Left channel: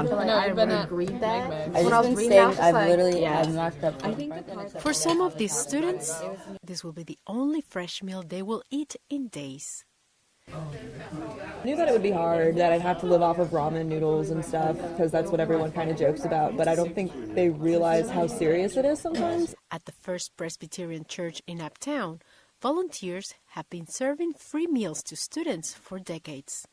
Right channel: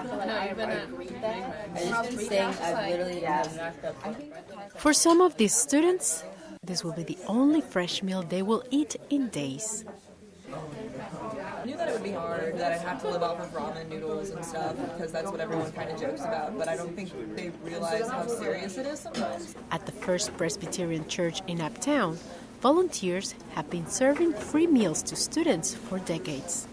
I really read that. For some of these students, this will be the only fresh meal they will eat in days. I knew that it would be hard, that I'd have to live off of ramen noodles and stuff, because that's what everyone kind of jokes about, but I don't think they realize how serious it is sometimes. At the First Presbyterian Church in Uptown, volunteers have been serving free meals to students for decades.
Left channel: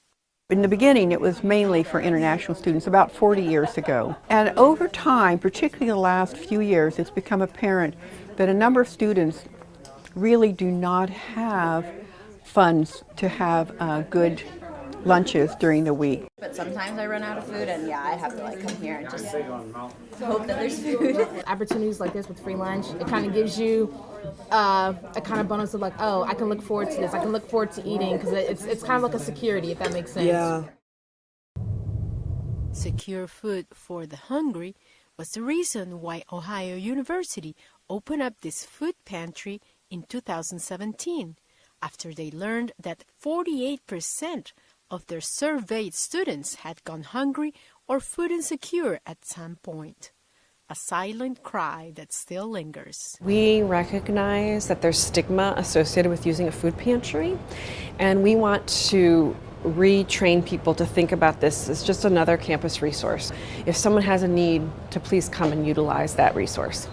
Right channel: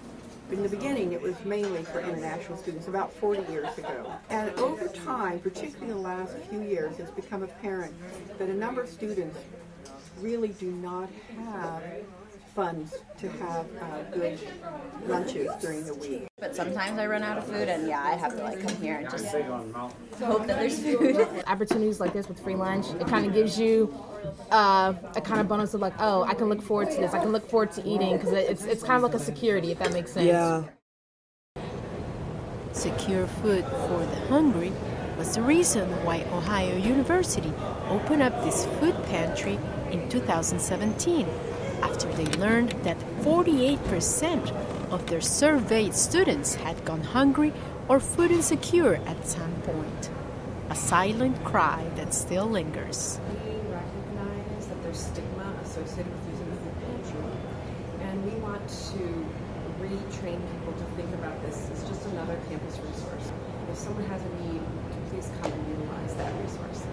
In the beginning, it was mainly for international students, about 40 years ago. And over time, particularly the last few years, it's become apparent that a number of students really do not have funds to have good lunches during the week. But sometimes I run out of food, and I have to come here and just hope that there's food. Opportunities like this with free lunch, it kind of gives you a kind of bonus of oh, I can look forward to this. I can look forward to eating, because it's kind of like a security, if that makes sense. Yeah. Secure food for the hungry was the reason why Ohio University opened up this food pantry in 2017, after they learned that 48% of their surveyed students had gone hungry or food insecure at some point. A silent cry that still lingers. We recognize that there's stigma associated with using a food pantry, and we want to retrain people to think about this as just another campus resource. If someone has a need, to please come and utilize that resource.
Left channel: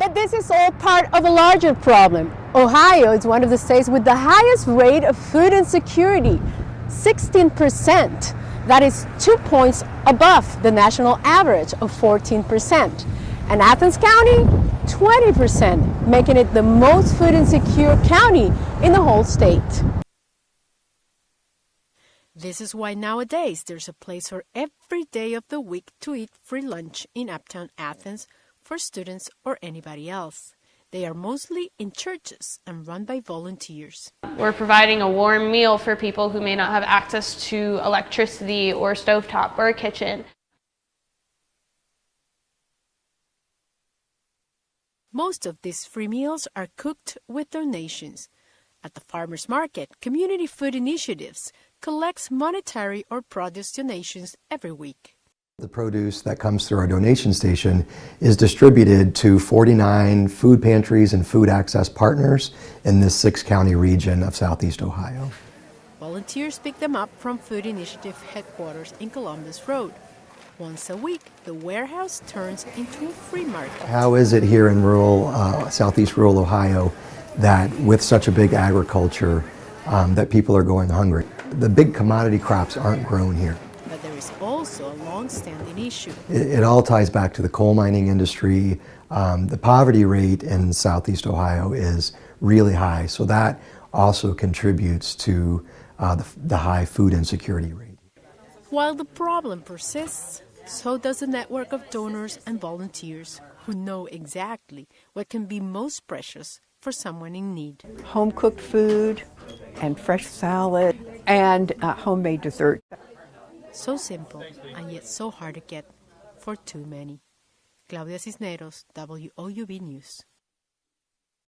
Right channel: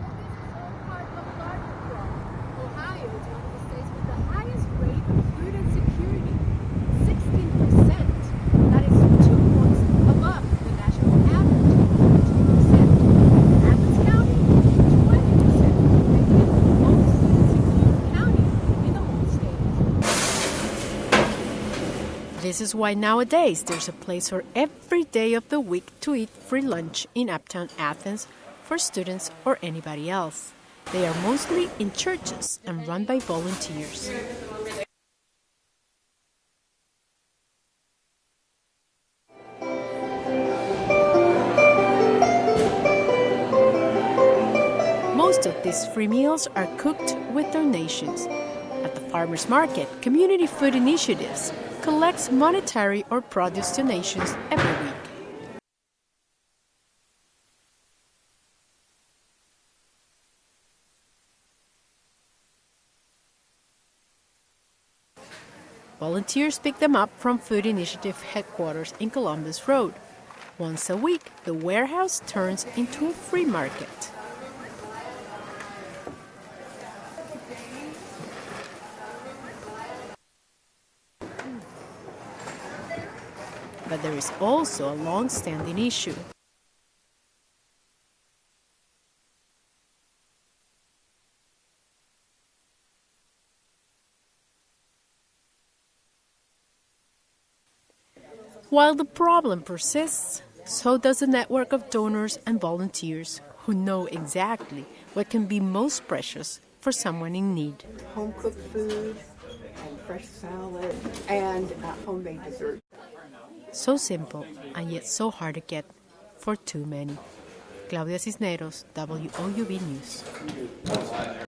But this is all part of a larger problem. Ohio is one of the states with the highest rate of food insecurity, 16%. That is 2 points above the national average of 14%. And Athens County, 20%, making it the most food insecure county in the whole state. This is why nowadays there's a place for every day of the week to eat free lunch in Uptown Athens for students or anybody else. They are mostly in churches and run by volunteers. We're providing a warm meal for people who may not have access to electricity or stovetop or a kitchen. Most of these free meals are cooked with donations. At the farmers market, Community Food Initiatives collects monetary or produce donations every week. The produce that comes through our donation station is distributed to 49 food pantries and food access partners in this 6-county region of Southeast Ohio. Volunteers pick them up from Food Initiative headquarters in Columbus Road. Once a week, the warehouse turns into a free market. How is it here in Southeast rural Ohio that with such a big agriculture that people are going hungry? The big commodity crops aren't grown here. But there is also a long-standing issue. It all ties back to the coal mining industry. The poverty rate in Southeast Ohio is really high, so that also contributes to the high food insecurity rate. While the problem persists, so does the network of donors and volunteers who know exactly what can be most precious for someone in need. Home-cooked food and fresh salad and homemade dessert. So simple and yet so hard to get for too many. Claudia Cisneros, WOUB News.